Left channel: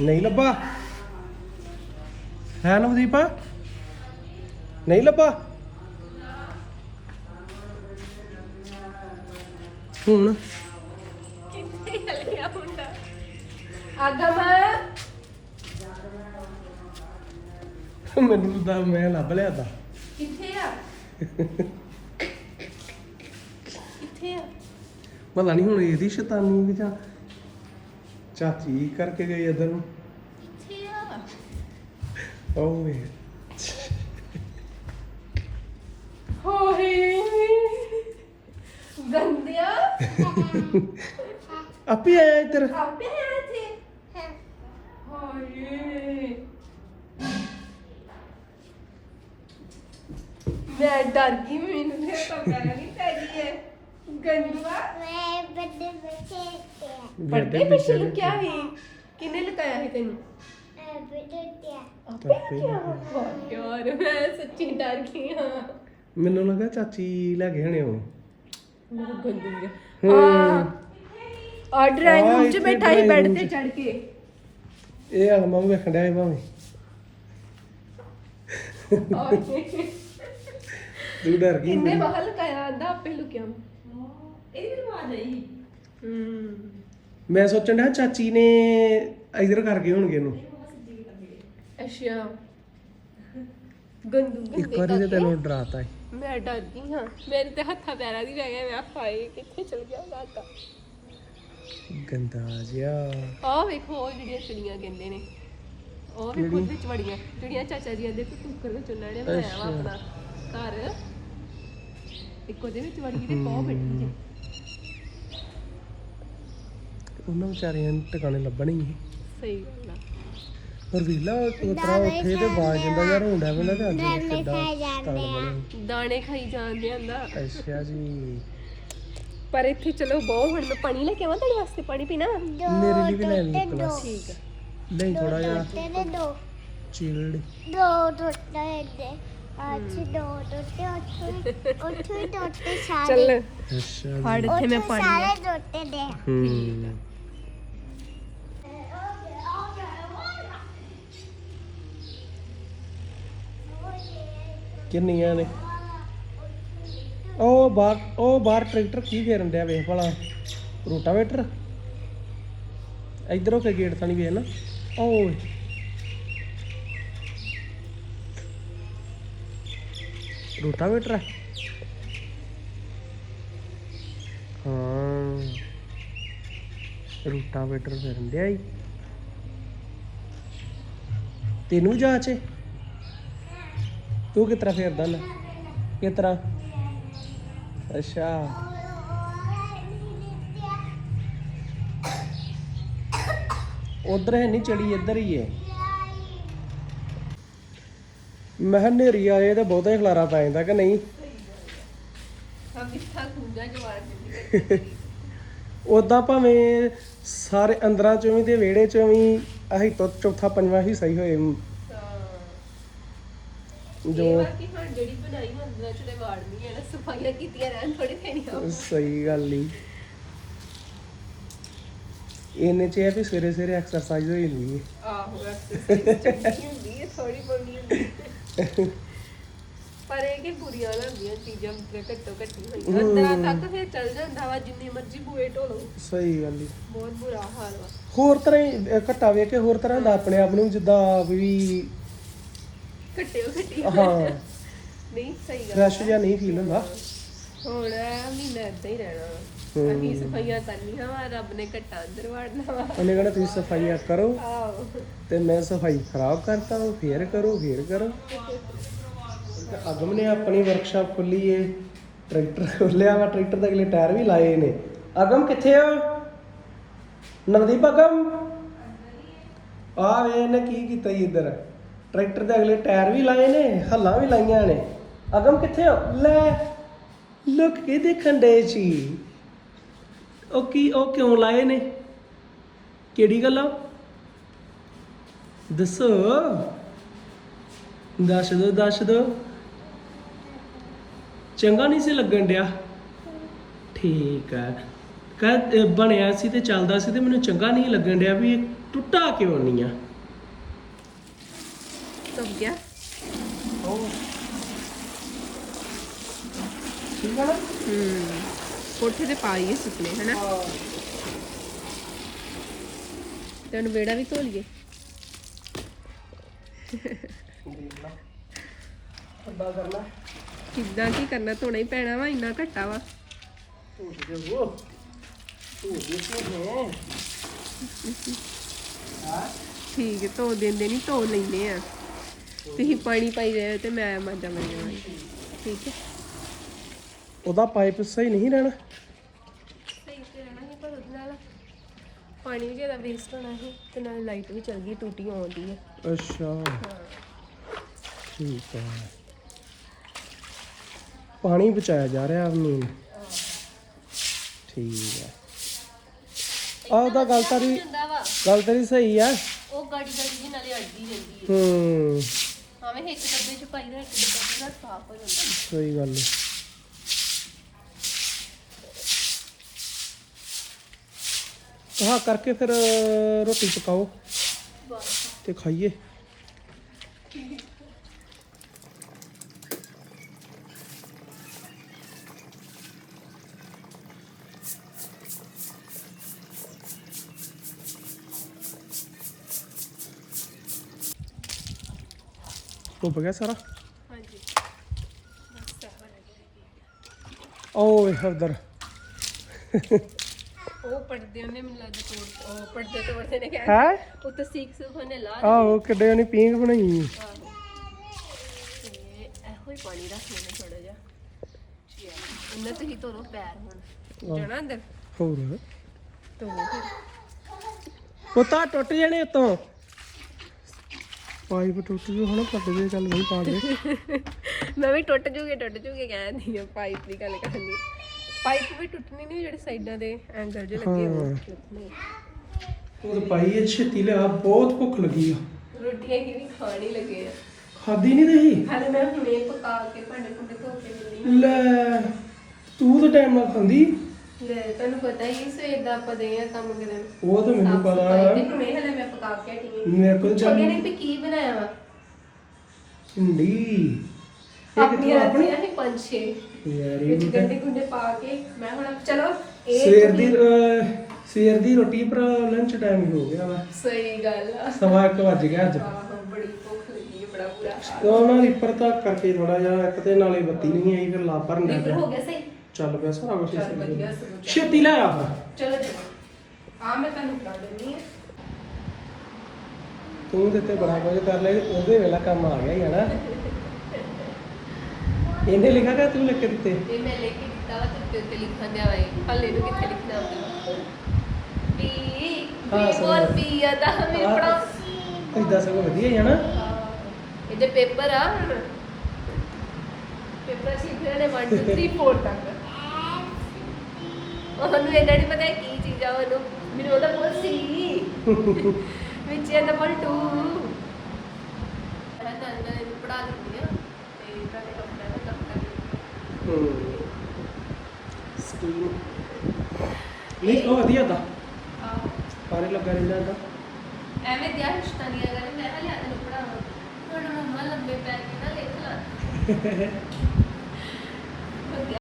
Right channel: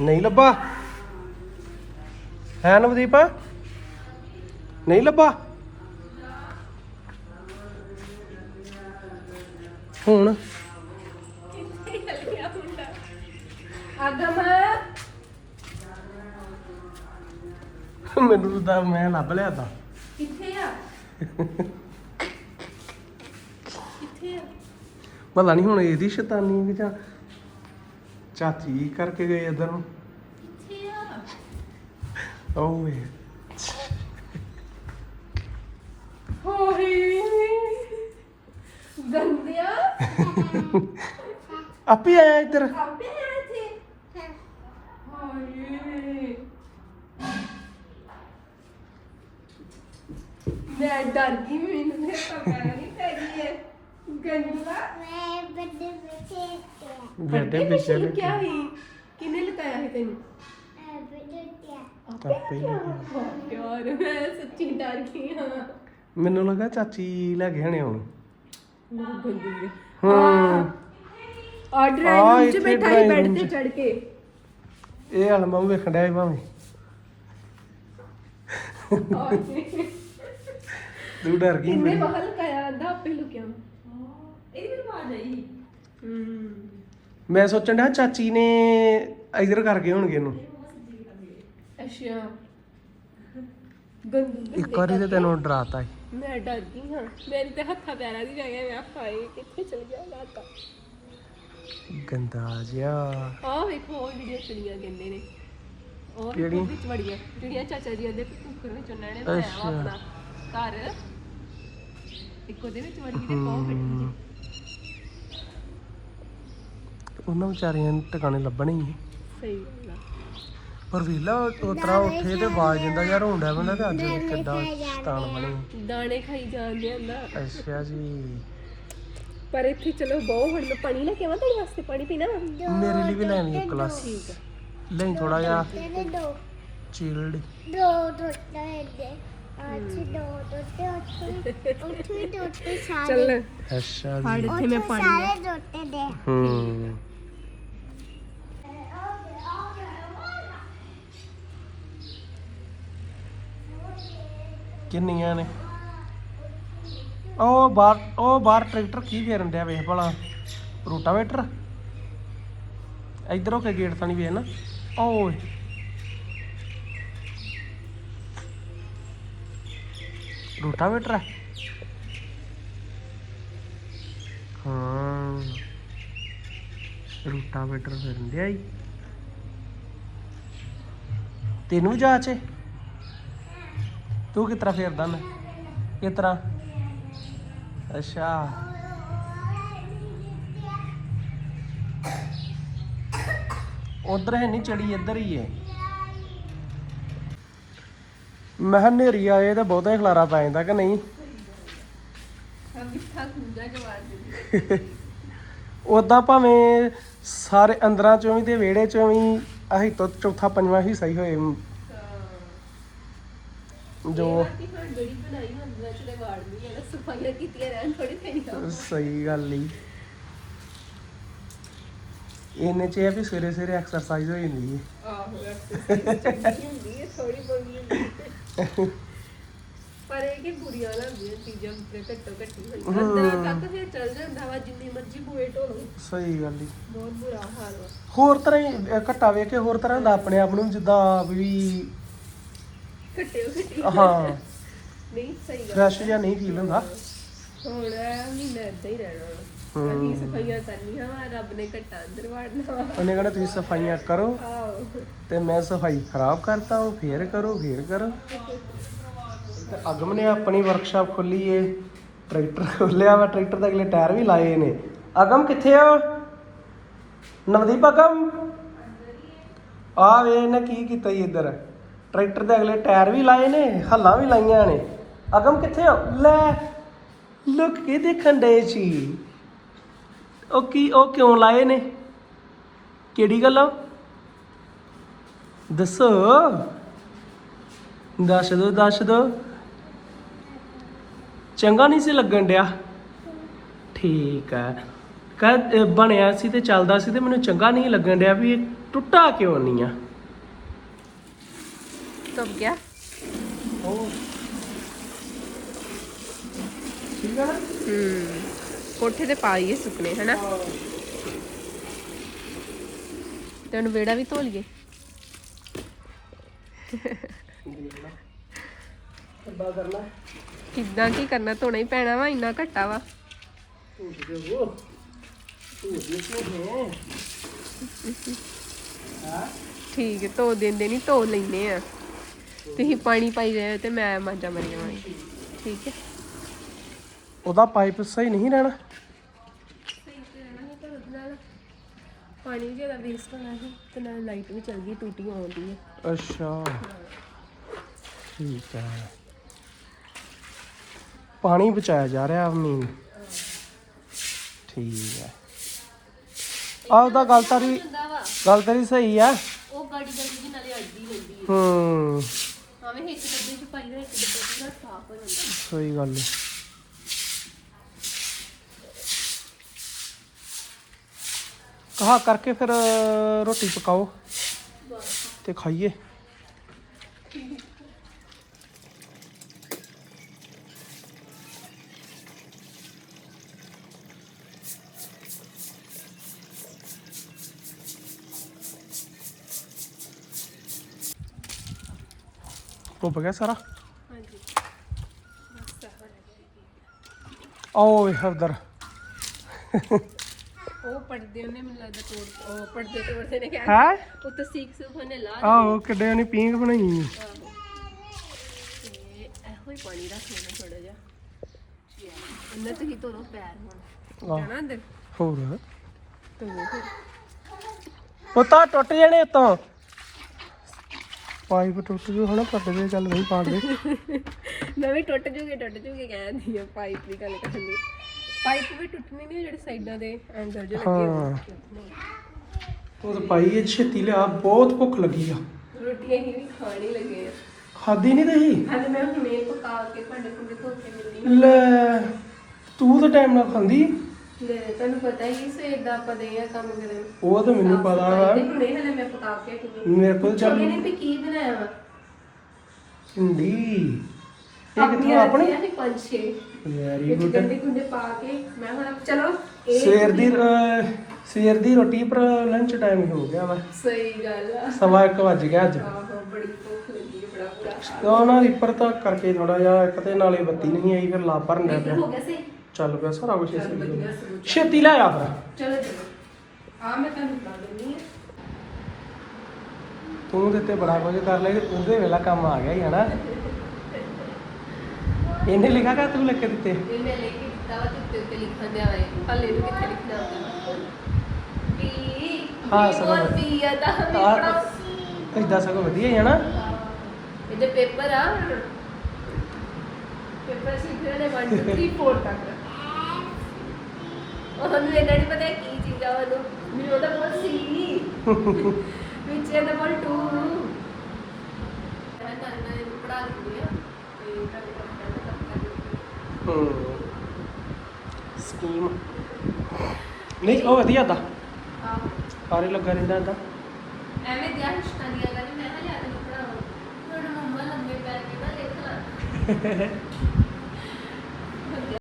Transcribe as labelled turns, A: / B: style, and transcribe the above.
A: ਨਹੀਂ ਲੱਭਾ। ਹੈ ਨਵਦੀਪ ਨਹੀਂ ਲੱਭਾ। ਹੁਣ?
B: ਕਿੱਥੇ ਚਲ ਗਿਆ ਮੁੰਡਾ ਆਗਮ
A: ਮੈਨੂੰ ਤਾਂ ਮੈਂ ਲੱਭ ਲਿਆ ਤਾਂ।
B: ਕਿੱਥੇ ਆ ਕਿੱਥੇ ਆ?
A: ਪਤਾ ਨਹੀਂ ਹੁਣ ਇਹਦੀ ਸ਼ੈਤਾਨੀ ਵੀ ਜਾਂ ਚਾਚੀ ਕਰਕੇ ਗਏ ਇਧਰ ਨੂੰ
B: ਕਿੱਥੇ ਆ? ਓਏ ਹੋਏ। ਗੰਦਿਆ।
A: ਆਪੇ ਆਇਆ ਇੱਧਰ।
B: ਆਪੇ ਆਏ ਥੇ ਹੋਏ। ਮੈਂ ਡਰ ਗਈ ਮੈਨੂੰ ਤੇ ਪਤਾ ਨਹੀਂ ਤੇਰੀ ਹੈ। ਗੰਦਵਾ
C: ਮੈਂ ਬੱਡੇ ਬੱਚੇ ਤੇ
B: ਪਰਦੇ ਪਿੱਛੇ ਲੁਕਿਆ ਸੀ ਕਿਨੇ ਲੁਕਾਇਆ ਸੀ ਤੈਨੂੰ?
C: ਬੱਡੇ ਤੇ
B: ਆਪੇ ਲੁਕਿਆ ਵਾਹ ਯਾਰ ਮੈਂ ਸੱਚੀ ਡਰ ਗਈ ਹਾਂ।
A: ਮੈਨੂੰ ਲੱਗਾ ਚਾਚੀ ਲੈ ਕੇ ਹਣੇ ਉਹ।
B: ਮੇਰਾ ਗੰਦੂ ਜਿਹਾ
A: ਹੂੰ।
B: ਆ ਡਰਾਈਵ ਹਾਂ, ਰੂਮ 'ਚ ਇੱਥੇ ਬੈਠਾ ਸੀ drawing ਬੈੱਡ room ਤੇ 'ਚ। ਚੜ ਕੇ।
A: ਇਹ ਹਾਲ ਮੈਂ ਵੇਖਣ ਡਿਆ ਸੀ ਭਾਵੇਂ। ਤੂੰ ਡਰ ਗਈ
B: ਕਿੰਨੇ ਬੜੀ। ਬਾਹਰ ਲੁਕਾਇਆ ਆਂਦਾ ਆਪੇ ਲੁਕਿਆ। ਇਹਦੀ ਵੀ ਆਵਾਜ਼ ਆਈ।
A: ਹੂੰ। ਮੈਂ ਸੋਚਣ ਡਿਆ ਚਾਚੀ ਨੇ ਇਧਰ ਕਰਕੇ ਹੋਣਗੇ ਇਹਨੂੰ।
B: ਅੱਛਾ। ਗੰਦੂ
A: ਇੱਕ ਗੰਦੇ ਵਾਰੀ ਤੇ ਕਰਕੇ। ਤੈਨੂੰ ਡਰਾਤਾ ਹੈ
B: ਮੈਂ ਡਰ ਗਈ ਹਾਂ। ਮੇਰੇ ਤੇ ਹੱਥਾਂ ਪੈਰਾਂ ਦੀ ਰਹਿ ਗਿਆ ਮੈਂ ਹਾਏ ਕਿੱਥੇ ਚਲ ਗਿਆ ਲਾਤਾ
A: ਗੰਦਾ ਜਿਹਾ।
B: ਆਹ ਵੇਖੋ ਉਹ ਜਿਹੜੀਆਂ ਚਿੜੀਆਂ ਕਹਿੰਦੇ ਨੇ। ਉਹ ਕਿਹੜੀ? ਵਿੱਚ ਵੜੀਆਂ। ਜਿਹੜੀਆਂ ਚਾਚਾ ਜੀ ਦੇ ਕੁੱਕਰ ਵਿੱਚ ਉਹਨਾਂ ਨੇ ਅੱਛਾ। ਵਾ ਆਪਣਾ ਘਰ। ਇੱਕ ਉਹਦੇ ਵਿੱਚ ਵੜ ਤੇ ਬਹੁਤ ਬੈਠੀ ਜੀ।
A: ਉਹਨਾਂ ਵਿਚਾਰਿਆਂ ਨੂੰ ਟਿਕਾਣੇ ਲੱਭਣੇ ਹੀ। ਸਹੀ ਗੱਲ ਆ। ਪਰ ਵੇਲਾ ਉਤਰਾ ਉੱਠੇ ਤੇ ਬਾਜ ਜਾਂਦਾ ਯਾਰ ਹੁੰਦਾ ਬੰਦਾ ਤੇ ਅੱਜ ਡਰਾਮੇ ਕਿੱਦਾਂ ਆ।
B: ਬਣੀ। ਦਾਣੇ ਖਾਈ ਜਾਂਦੇ ਆਂਦਾ
A: ਅੱਛਾ ਜੀ।
B: ਪਰ ਇੱਥੇ ਚਲੋ ਬਹੁਤ ਹੁਣ ਮੈਂ ਪਾਣੀ ਲੈ ਕੇ ਆਵਾਂ ਤੁਹਾਡੇ ਵਾਸਤੇ ਪਾਣੀ ਪੀਣਾ? ਵਾ
A: ਮੇਰੇ ਲਈ ਵੀ ਲੈਣੀ ਇੱਕ ਗਲਾਸ। ਠੀਕ ਆ। ਲੈ ਥੋੜਾ ਜਿਹਾ। ਤੇਰੇ ਦੋ ਚੀਲਡ
C: ਦੋ। ਟੋਟੇ ਦੇ। ਅੱਜ ਦੋ ਟੋਟੇ ਉੱਥੇ ਉੱਥੇ ਟੋਟੇ ਸਾਰੇ। ਚੱਲ।
A: ਅੱਛਾ
B: ਫੜ ਜੀ ਇੱਥੇ ਮੈਂ ਉੱਥੇ ਪਾਣੀ ਲੈ। ਸਾਰੇ ਟੋਟੇ ਦੇ। ਹੂੰ।
A: ਕਿੰਨੀਆਂ ਨੇ? ਉਹ ਬਾਹਰ ਉਹ ਬਾਹਰ ਟਰੈਕਟਰ ਕੀ ਫੇਰਨ ਡਿਆ ਵੇਖ ਭਲਾ। ਰੋਟਾਵੇਟਰ? ਇਧਰੋਂ ਕੇ ਗੇਟ ਥਾਣੀ ਵੇਖ ਨਾ ਓਏ। ਰੋਟਾਵੇਟਰ ਹੈ? ਹਾਂ। ਰੋਟਾਵੇਟਰ ਫੇਰਨ ਡਿਆ ਈ। ਤੈਨੂੰ ਜਾਚੇ ਤੂੰ ਕਿਤਰਾ ਫੇਰਦਾ ਨਾ ਕਿਤਰਾ? ਅੱਛਾ। ਉਧਰ ਹੈ ਨਹੀਂ ਚੜੀ ਇੱਧਰ ਹੀ ਹੈ ਮੈਂ ਕਿਹਾ ਹਨੇਰੀ ਆਏ ਤਾਂ ਬਹੁਤਾ ਹੀ ਖਲਾਰਾ ਪੈ ਜਾਂਦਾ ਕਿ ਨਹੀਂ?
B: ਮਿੱਠਾ ਜਵਾਰ
A: ਉਦਾਂ ਭਾਵੇਂ ਸਾਰੇ ਅੰਦਰਾਂ ਚੋਂ ਵੀ ਤੇ ਵਿਹੜੇ ਚੋਂ ਵੀ ਆਹੀ ਤੋਂ ਚੌਥਾ ਪੰਜਵਾਂ ਹੀ ਹੋਏ।
B: ਜੋ ਜੋ ਕਿ ਹਾਂ ਜਿਹੜੀ ਬਣਾਈ ਹੁੰਦੀ ਚ ਵਾੜ ਨਹੀਂ ਹੈ ਨਾ ਸਫਾਈਆਂ ਕੀਤੀਆਂ ਰਹਿਣ ਥੋੜੀ ਪੈਣੀਆਂ
A: ਸਹੀ ਗੱਲ ਹੀ ਇਹਨੇ ਚ ਇਹ ਵੀ ਸਵੇਰੇ ਸਵੇਰੇ ਐਕਸਰਸਾਈਜ਼ ਹੋ ਜਾਂਦੀ ਹੈ
B: ਆਹੋ ਐਕਸਰਸਾਈਜ਼ ਚੰਗੀ ਹੁੰਦੀ ਹੈ ਥੋੜੀ ਬੋਲੀ ਹੁੰਦੀ ਹੈ ਪਰ ਇਹ ਕਿ ਬੁਰੀਆਂ ਲੱਗਦੀਆਂ ਚੀਜ਼ਾਂ ਤੇ ਘੱਟੋ ਘੱਟੀ ਹੋਈਆਂ ਅੰਦਰਾਂ ਤੱਕ ਫਿਰ ਚੱਲ ਜਾਂਦਾ ਵਾ ਜਿੰਨੀ ਮਰਜ਼ੀ ਬੂਏ ਢੋਲੋ
A: ਸਹੀ ਗੱਲ ਹੀ
B: ਬਹੁਤ ਬੁਰਾ ਹਾਲ ਵਾ
A: ਹੋਰ ਤਰ੍ਹਾਂ ਹੀ ਅਹ, ਘੱਟਾ ਵੇਖ ਕੇ ਹੋਰ ਤਰ੍ਹਾਂ ਦਾ ਆਪਣੇ ਆਪ ਨੂੰ ਜਿੱਦਾਂ ਵੀ
B: ਘੱਟਿਓ ਘੱਟੀ ਹਾਂ ਨਹੀਂ ਸਹੀ ਗੱਲ
A: ਫਰੈਸ਼ ਜਿਹਾ ਨਹੀਂ ਫੀਲ ਹੁੰਦਾ
B: ਹੁਣ ਇਹ ਮਹੀਨਾ ਏਦਾਂ ਹੀ ਰਹਿਣਾ ਵਾ। ਅਸੀਂ ਸਫਾਈਆਂ ਕਰਨੀਆਂ ਵਾ ਰੱਬ ਨੇ ਘੱਟਾ ਅੰਦਰ ਵਾੜਨਾ ਵਾ।
A: ਉਹਨੇ ਕਹਿੰਦਾ ਤੁਸੀਂ ਸਫਾਈਆਂ ਕਰੋ। ਆਓ ਤੇ ਮੈਂ ਸਫ਼ਾਈ ਖਰਾਬ ਕਰਤਾ ਹਾਂ ਫੇਰ ਕਰੋ ਫੇਰ ਕਰੋ। ਤੇ ਅਗਮ ਨੇ ਆਪਣੀ ਵਰਕਸ਼ਾਪ ਖੋਲੀ ਏ ਟਰੈਕਟਰ ਖੋਲਿਆ ਵਾ ਟਰੈਕਟਰ ਦੇ ਅਗਲੇ ਟਾਇਰ ਵੀ ਲਾਏ ਨੇ। ਅਗਮ ਕਿੱਥੇ ਆ? ਨਵਦੀਪ ਅਗਮ? ਆ ਵੇ ਇਹਨੇ ਕੀ ਕੀਤਾ ਜੀ ਇੱਧਰ? ਟਰੈਕਟਰ ਦੇ ਅਗਲੇ ਟਾਇਰ ਵੀ ਲਾਏ ਨੇ ਹੱਲਾਂ ਵੀ ਲਾਈਆਂ ਨੇ। ਅਗਮ ਕਿੱਥੇ ਆ? ਲੈ ਲੁੱਕ ਕੇ ਦੇਖਣ ਦੇ ਸੀ। ਉਹ ਕੀ ਉਹ ਕਿਉਂ ਲਾਏ ਨੇ? ਕਿਹੜੀ ਗੱਲ ਆ? ਦੱਸੋ। ਦੱਸ ਦੋ ਦੱਸ ਦੋ। ਚੰਗਾ ਨਹੀਂ ਸੀ ਲੱਗਣ ਡਿਆ? ਠੀਕ ਹੈ ਕਹ ਬਣਿਆ ਸੀ ਤੇ ਚੱਲਦਾ ਸੀ ਤੇ ਮੈਨੂੰ ਚੰਗਾ ਨਹੀਂ ਲੱਗਣ ਡਿਆ ਵੀ ਇਹ ਟੁੱਟਾ ਕਿਉਂ ਨਹੀਂ ਆ?
B: ਟੁੱਟ ਗਿਆ। ਉਹ ਠੀਕ ਨਾ? ਹੂੰ। ਕੋਠੇ ਤੇ ਪਾ ਲਈਏ ਸੁੱਕਣੇ ਹਨਾ? ਤੇ ਉਹਨੂੰ ਵਿਹੜਾ ਵੀ ਧੋ ਲਈਏ। ਕਰਨਾ? ਕਿੱਦਾਂ ਕੀ ਕਰਨਾ? ਧੋਣਾ ਹੀ ਪੈਣਾ ਵਾ ਇੰਨਾ ਘੱਟਾ ਵਾ।
A: ਦੇ ਉਹ ਦੇ ਹੈ?
B: ਠੀਕ ਹੈ ਧੋ ਦਿੰਦੇ ਨਹੀਂ ਧੋ ਲੈਨੇ ਆ। ਤੁਸੀਂ ਪਾਣੀ ਪਾਈ ਜਾਓ ਤੇ ਮੈਂ ਮਾਂਜਾ ਮਾਰੀ ਜਾਵਾਂਗੀ ਠੀਕ ਹੈ।
A: ਉਹਦਾ ਪਾਈਪ ਸਹੀ ਨਹੀਂ ਰਹਿਣਾ। ਸਹੀ
B: ਤੇ ਰਹਿਣਾ ਸੀ ਪਰ ਉਹਦੇ ਨਾਲ ਪਾਣੀ ਵੀ ਜ਼ਿਆਦਾ ਵੇਸਟ ਹੋਣਾ ਸੀ ਤੇ ਨਾਲ ਲਾਈਟ ਵੀ ਚਲ ਗਈ ਟੂਟੀ ਆਉਂਦੀ ਹੈ
A: ਅੱਛਾ। ਠੀਕ ਹੈ। ਪਾਣੀ ਬਚਾਇਆ ਜਾ ਰਿਹਾ ਮੇਨ ਠੀਕ ਹੈ। ਆਹ ਉਹਦਾ ਗੱਲ ਤਾਰੀ ਹੁੰਦਾ ਵਾ। ਗੱਲ ਤੇਰੀ ਸਹੀ ਆ
B: ਉਹ ਗਾੜੀ ਗਾੜੀ ਦੀ ਨਾਲੇ ਅੜਦੀ ਰਹਿੰਦੀ ਹੈ
A: ਹੂੰ।
B: ਭਾਵੇਂ ਇੱਕ ਡੱਬੇ ਚ ਪਾਈ ਨਾ ਇੱਕ ਡੱਬਾ ਪੂਰਾ ਸਾਫ਼ ਹੋ ਜਾਂਦਾ।
A: ਸਹੀ ਗੱਲ ਹੈ। ਕਹਾ ਕਰਕੇ ਫਿਰ ਰੋਟੀ ਪਕਾਓ ਤੇ ਖਾਈਏ। ਡੁੱਬ ਗਿਆ ਸਾਰਾ?
B: ਹਾਂਜੀ। ਬਸ ਸਾਫ਼ ਰਹਿ
A: ਗਿਆ। ਆਓ ਇਹ ਉਧਰ
B: ਉਹ ਪੜਦੇ ਉਹਨੇ ਮੈਨੂੰ ਲੱਗਦਾ ਤੋੜ ਉਹ ਪੜਦੇ ਤੋੜਦੇ ਨੇ ਕਿਹਾ ਹੈ? ਉਹ ਤਾਂ ਸੀਖ ਸੁਖ ਉਹਨੇ ਲਾ ਦਿੱਤੀ।
A: ਆਹੋ ਕਿੱਡੇ ਉਹਨੇ ਪੀਂਘ ਬਣਾਈ। ਆਹੋ।
B: ਤੇ ਇਹੋ ਹੀ ਪਾਣੀ ਰੱਖ ਲੈਣਾ ਥੋੜਾ ਜਿਹਾ। ਇਹਨਾਂ ਤੁਸੀਂ ਧੋਰੋ ਪੈਰ ਹੁਣ। ਜਾਣਾ ਅੰਦਰ?
A: ਹੋਰ। ਧੋਵੋ ਫਿਰ। ਪਤਾ ਟੁੱਟ ਜਾਣੇ ਉਤੋਂ। ਪਾਈਪ ਟੁੱਟ ਜੂ ਹਣਾ ਪੱਟ ਦੇ ਚੱਲ ਨਹੀਂ ਪਾਉਂਦੇ
B: ਮੈਂ ਵੀ ਟੁੱਟ ਜੂਗੇ ਟੁੱਟ ਜੂਗੇ ਕਹਿੰਦੀ ਆ ਪਾਈਪ ਦੀ ਗੱਲ ਕਰਨੀ ਪਾਈਪ ਵੀ ਟੁੱਟਣੀ ਨਹੀਂ ਜਿਹੜੇ ਸਾਈਡਾਂ ਦੇ ਐਂਗਲ ਜਿਹੇ ਲੱਗੇ ਹੋਏ
A: ਉਹ ਤਾਂ ਪਾਈ ਇਹ ਛੇਤੀ ਲਿਆ ਬਹੁਤ ਭੁੱਖ ਲੱਗੀ ਆ।
B: ਰੋਟੀਆਂ ਹੀ ਵੀ ਖਾਣ ਹੀ ਲੱਗੇ ਆ।
A: ਖਾਦੀ ਨਹੀਂ ਦਈ
B: ਹਾਲੇ ਮੈਂ ਹੁਣੇ ਪਕਾ ਕੇ ਭਾਂਡੇ ਭੁੰਡੇ ਧੋ ਕੇ
A: ਮਿਲਣੀ ਲੈ ਤੂੰ ਤਾਂ ਟਾਈਮ ਨਾਲ ਖਾਂਦੀ?
B: ਲੈ ਤੁਹਾਨੂੰ ਪਤਾ ਹੀ ਸਵੇਰ ਦਾ ਆਪਾਂ ਦੇ ਆ ਕੰਮ ਕਰਨ।
A: ਉਹ ਤਾਂ ਮੈਨੂੰ ਪਤਾ ਸਫ਼ਾਈ
B: ਤੇ ਹੁਣੇ ਹਲੇ ਮੈਂ ਪਕਾ ਕੇ ਹਾਂ।
A: ਮੇਰੇ ਕੋਲ ਚੱਲ।
B: ਚੰਗੇ ਨੇ ਵੀ ਕੀ ਬਣਾਇਆ ਵਾ? ਕਿਥੋਂ ਆਪਣੀ? ਆਪਣੀ ਪੰਜ ਛੇ। ਵੈਰੀ ਵਿੱਚ ਗੁੱਡ ਗੰਡੇ ਗੁੰਡੇ ਪਾ ਕੇ ਮੈਂ ਹੁਣ ਚਲੋ
A: ਇਹ ਸਵੇਰ ਦੀ ਅਹ, ਸਵੇਰ ਦੀ ਰੋਟੀ ਪਰ ਲੰਚ ਟਾਈਮ ਹੀ ਹੋ ਗਿਆ ਵਾ।
B: ਸਹੀ ਗੱਲ ਆ।
A: ਸਵਾ 1 ਵੱਜ ਗਿਆ ਅੱਜ।
B: ਆਹੋ ਬੜੀ ਭੁੱਖ ਲੱਗੀ ਹੈ ਬੜਾ ਬੁਰਾ
A: ਹਾਲ ਉਹ ਨਾ ਰਿਪਰ ਤਾਂ ਕਰਕੇ ਥੋੜਾ ਜਿਹਾ ਇੱਕ ਤੇ ਨਾਲੇ ਬੱਤੀ ਨਹੀਂ ਆਈ ਫਿਰ ਲਾ ਭਰਨ
B: ਲੱਗ ਲੀਟਰ ਹੋ ਗਿਆ ਸਹੀ।
A: ਚੱਲ ਪਿਆ ਸਾਰਾ ਕੁਝ ਚੱਲ ਵਧੀਆ ਸਗੋਂ। ਛੇਤੀ ਲੈ ਆ ਫਿਰ।
B: ਚਲੋ ਚਲੋ ਆ ਮੈਂ ਤੁਹਾਨੂੰ ਬਤਾ ਦਿੰਦੀ ਆ।
A: ਤੂੰ ਦਿੱਤੇ ਬੜਾ ਕੁਝ ਕਰ ਲਿਆ ਉਹਦੇ ਵੇਲਾ ਕੰਮ ਆ ਗਿਆ ਹੀ ਹਨਾ ਇਹਨੇ ਲਿਖਾ ਕਿ ਤੂੰ ਲਿਖ ਕੇ ਦਿੱਤੇ?
B: ਇਹ ਮੈਂ ਲੈ ਕੇ ਦਿੱਤਾ ਵਾ ਤੇ ਉੱਤੇ ਉੱਤੇ ਲਿਖਣ ਦਿਆ ਵੇ ਹੱਲੇ ਨੂੰ ਕਿੱਥੇ ਲਿਖਣਾ ਹੁੰਦਾ? ਪੀ ਹਾਂ, ਪੀ ਸਮਝ ਬੋਲ ਗਿਆ। ਪੀ ਆ ਦਾ ਵੀ ਹਾਂ। ਪੜਾਓ
A: ਇਦਾਂ ਸਗੋਂ ਵਧੀਆ ਹੀ ਹਨਾ
B: ਇਹਦੇ ਪੇਪਰ ਆ। ਪੇਪਰ ਸੀ ਫਿਰ ਨੇ 1 2 3 4 ਤੱਕ। ਉਹਨੂੰ ਇਹਨਾਂ ਨਹੀਂ ਪਤਾ ਕੀ ਚੀਜ਼ ਆ ਉਹਨੂੰ। ਮੈਨੂੰ ਉਹਦਾ ਬੋਲ ਸੀ। ਵਿੱਚ ਇਹਦਾ ਬੋਲ 2 ਮੈਂ ਤਾਂ ਇਹਨਾਂ ਨੂੰ ਪੜਾ ਦਿੰਦੀ ਆ ਤੇ ਤੁਹਾਡੇ ਕੰਮ ਕਰ ਹੂੰ
A: ਸਕੀਮ। ਨਹੀਂ ਉਹ ਵਧੀਆ ਦਾ। ਆ ਸਾਰੇ ਲੱਗਾ ਰਹਿੰਦਾ ਦਾ
B: ਐਵੇਂ ਦਿਆ ਹਿਸ਼ਤਾਨੀਆਂ ਕਰ ਮੈਂ ਕਿਹਾ ਲਿਆ ਤੈਨੂੰ ਪੜਾਵਾਂ ਤੁਹਾਡਾ ਮੰਮਾ ਲੰਬੇ ਪੈ ਕੇ ਨਾ ਲਿਖ ਲਾ।